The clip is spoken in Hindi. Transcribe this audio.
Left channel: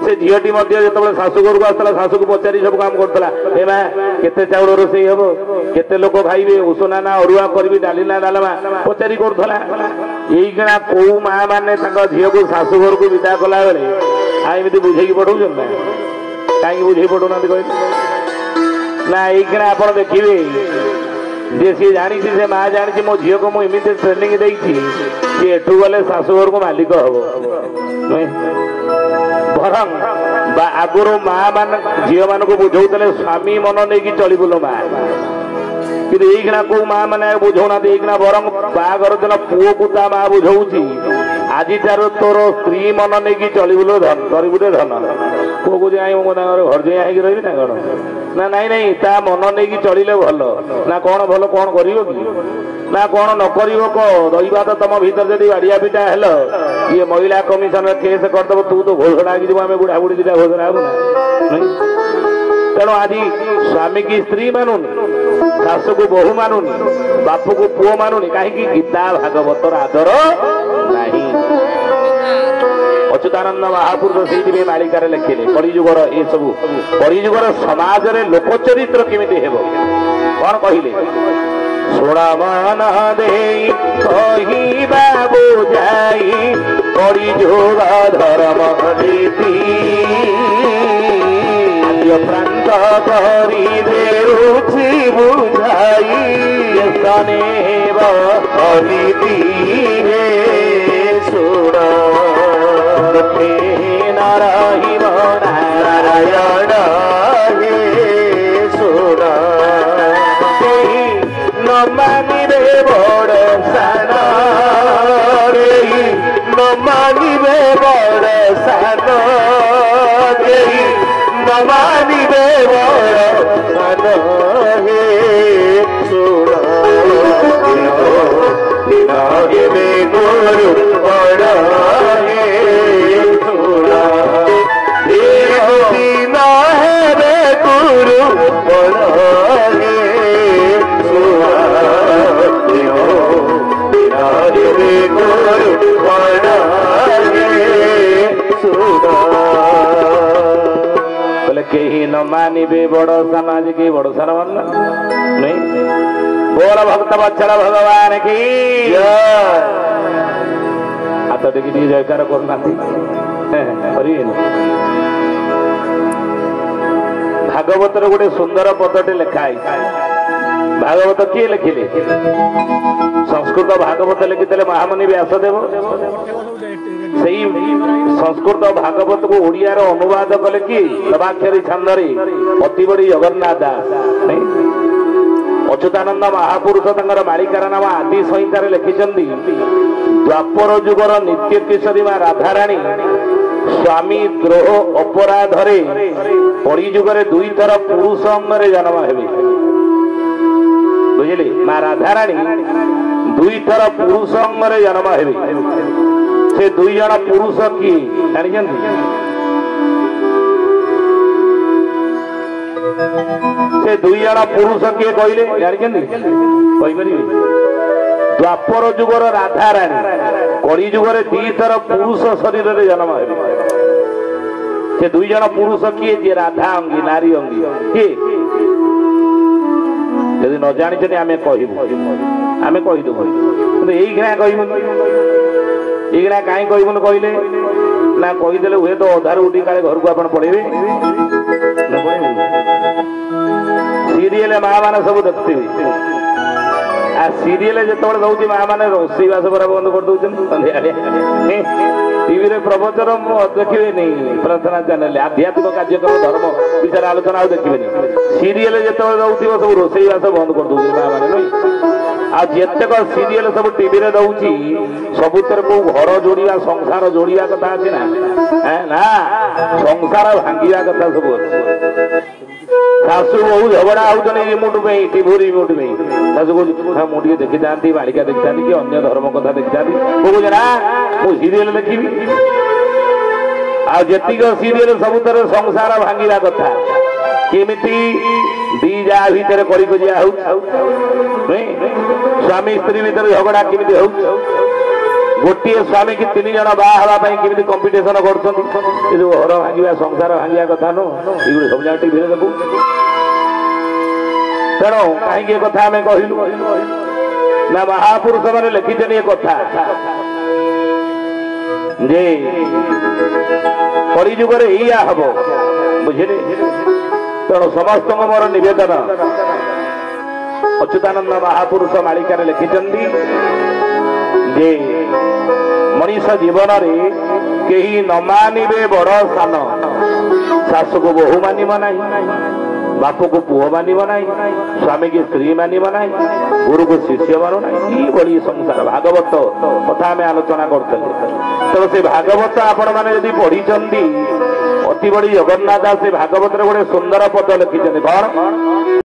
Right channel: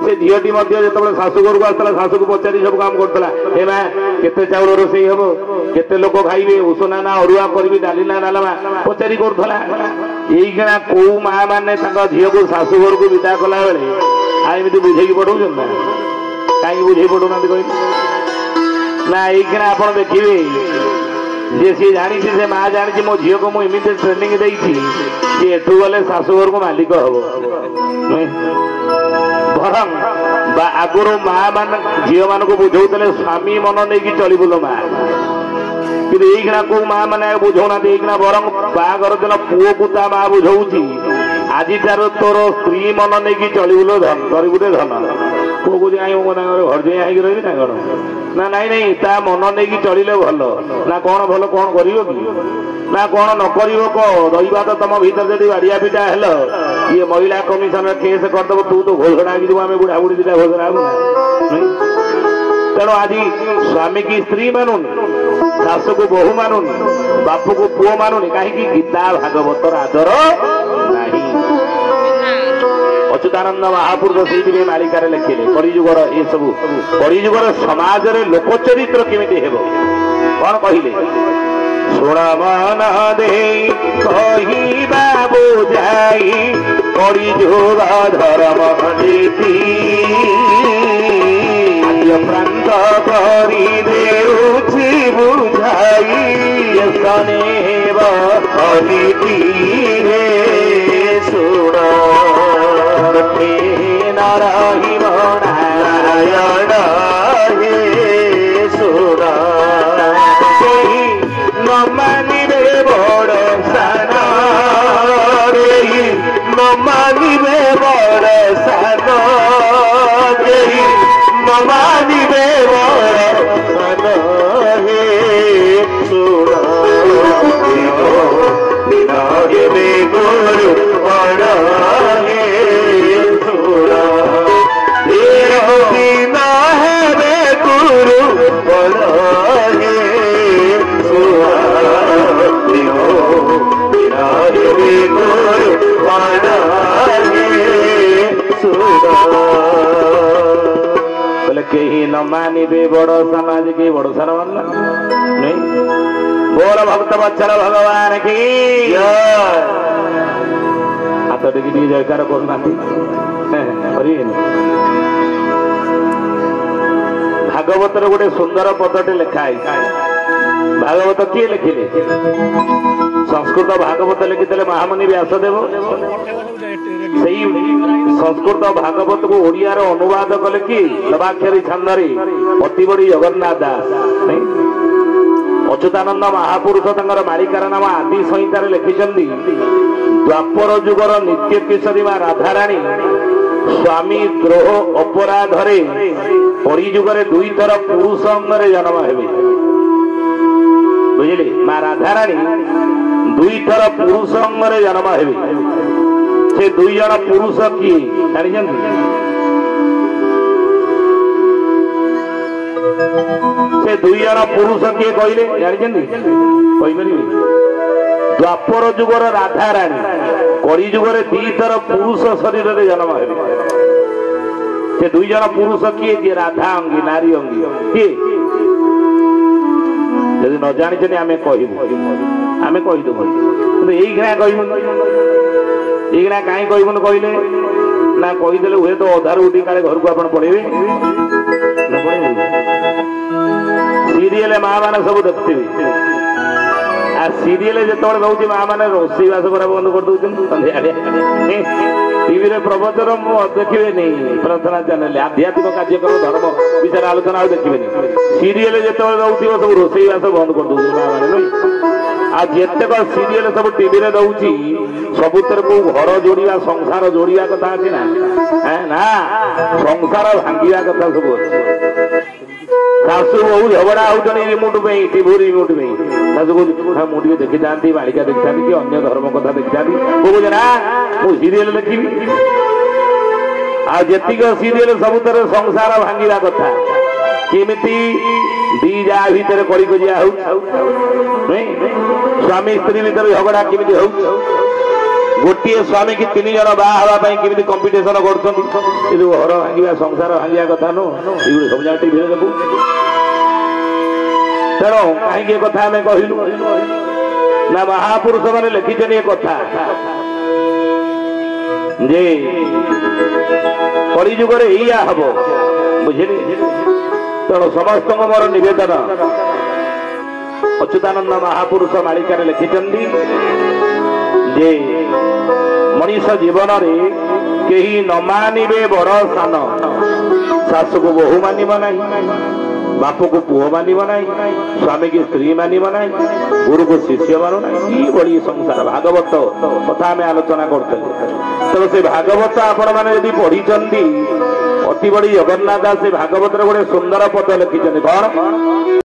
से झीटी जो शाशुघर को आसला शाशु को पचारि सब काम करता हे माँ केते चाउल रोषे हम केते लोक खाइबे उषुना ना अरुआ करी डाली ना डालमा पचारि करूला यहीकिना कौ माँ मैंने झील को शाशुघर को विदा कला बेले आमती बुझे पढ़ाऊँ ना कहीं बुझे पढ़ुना ना यहीकिना आप देखिए जे सी जानी से माँ जानी मो झील को मुझे ट्रेनिंग देती सी एठू गले शाशुघर को मालिक हम बरम आगुर माँ मान झील मान को बुझे स्वामी मन नहीं चलबुल माँ कि यहीकिना कौ माँ मैंने बुझौना यहीकिना बरम बागर दिन पुओ को ता माँ बुझाऊँगी आज तार तोर स्त्री मन नहीं चलबुल धन कर गोटे धन पुओ को जाए घर जाए रही ना कौन ना नाई नहीं ता मन नहीं चलिले भल ना कौन भल कौन कर ना कौन न कर रहा तो तुम भीतर जब बाड़िया पिटा हेल ये महिला कमिशनर केस करदेव तू तो घोषणा की आम बुढ़ा बुढ़ी दिटा घोषणा तेणु आज स्वामी की स्त्री मानुनी शाशु को बहु मानुनी बाप को पुओ मानुनी कहीं गीता भागवतर आदर नहीं अच्युतानंद महापुरुष से मालिकार लिखिले कलिजुगर ये सब कलिजुगर समाज रे लोक चरित्र केमिति हेबो कौन कहले सोड़ा मन दे कहिबा बुझाई कलिजुग धर्म नीति प्रांत करी देउछि बुझाई सनेव अनिति हे सुरा नारायण नारायण हे सुरा न मानिबे बड़ सान न मानिबे बड़ सान न मानिबे बड़ सान हे सुरा नारिबे गुरु बड़ कहीं न मानिबे बड़ सान आज के बड़ सान मानना नहीं बोल भक्त वत्सल भगवान की हाथ देखिए जयकार करना भागवतर गोटे सुंदर पदटे लिखाई भागवत किए लिखिले संस्कृत भागवत लिखिले महामुनि व्यासदेव से संस्कृत भागवत को ओडिया अनुवाद कले कि नवाक्षरी छंदरे अति बड़ी जगन्नाथ दास अच्युतानंद महापुरुष मालिकार नाम आदि संहितार लिखिं द्वापर जुगर नित्य किशोरी माँ राधाराणी स्वामी द्रोह अपराधरे परिजुगरे दुई थर पुरुष अंगरे जन्म हेबे बुझिले माँ राधाराणी दुई थर पुरुष अंगरे जन्म हेबे से दुई जन पुरुष किए जानी से दुई जन पुरुष किए कहले जानी द्वापर जुगर राधाराणी कली जुगर दी थर पुरुष शरीर में जन्म हेबे से दुई जन पुरुष किए जी राधा अंगी नारी अंगी किए यदि न जानी आम कहबू आम कहीदेबू कि यही कहबू ये कहीं कहबुन कहले ना कहीदे हुए तो अधार उठी काले घर को आप पढ़ेबे सीरियल माँ मैंने सब देखते आ सीरियल जो रोचे माँ मैंने रोषेईवास पूरा बंद कर दे टीवी प्रवचन देखिए नहीं प्रार्थना चैनल आध्यात्मिक कार्यक्रम धर्म विचार आलोचना देखिए सीरियल जो रोचे सब रोषेईवास बंद कर दे माँ मैंने आज जितक सीरियल सब टीवी रे दउची सबुतर को घर जोड़िया संसार जोड़िया कथा अच्छी ना संसार भांगिया कथा सब शाशु बहु झगड़ा होने रिमोट में टीवी रिमोट में शाशु को मुझे देखी जाती बालिका देखी जाती कि अन्य धर्म कथा देखी जाती ना मु सीरियल देखी आज जितक सीरियल सबुतर संसार भांगिया कथा केमिति दी जा भीतर करिया स्वामी स्त्री भीतर झगड़ा केमिति हो गोटे स्वामी की 3 जन बाहर केमी कंपिटिशन कर घर भांगा संसार भांगा कथा नो ये सब जगह टीवी देखू तेणु कहीं कथा आम कहलु ना महापुरुष मैंने लिखिछन ये कथा जे कलिजुगर या हम बुझे तेणु समस्त मोर निवेदन अच्युतानंद महापुरुष मालिकार लिखिछन जे मनीष जीवन रे केही न मानिबे बड़ सान सासु को बहु मानिब नहीं बाप को पुओ मानिब नहीं स्वामी की स्त्री मानिब नहीं गुरु को शिष्य मानु नहीं बड़ी संसार भागवत कथा आम आलोचना करते तो से भागवत आपण मैंने यदि पढ़ी अति बड़ी जगन्नाथ से भागवत गोटे सुंदर पद लिखिं कौन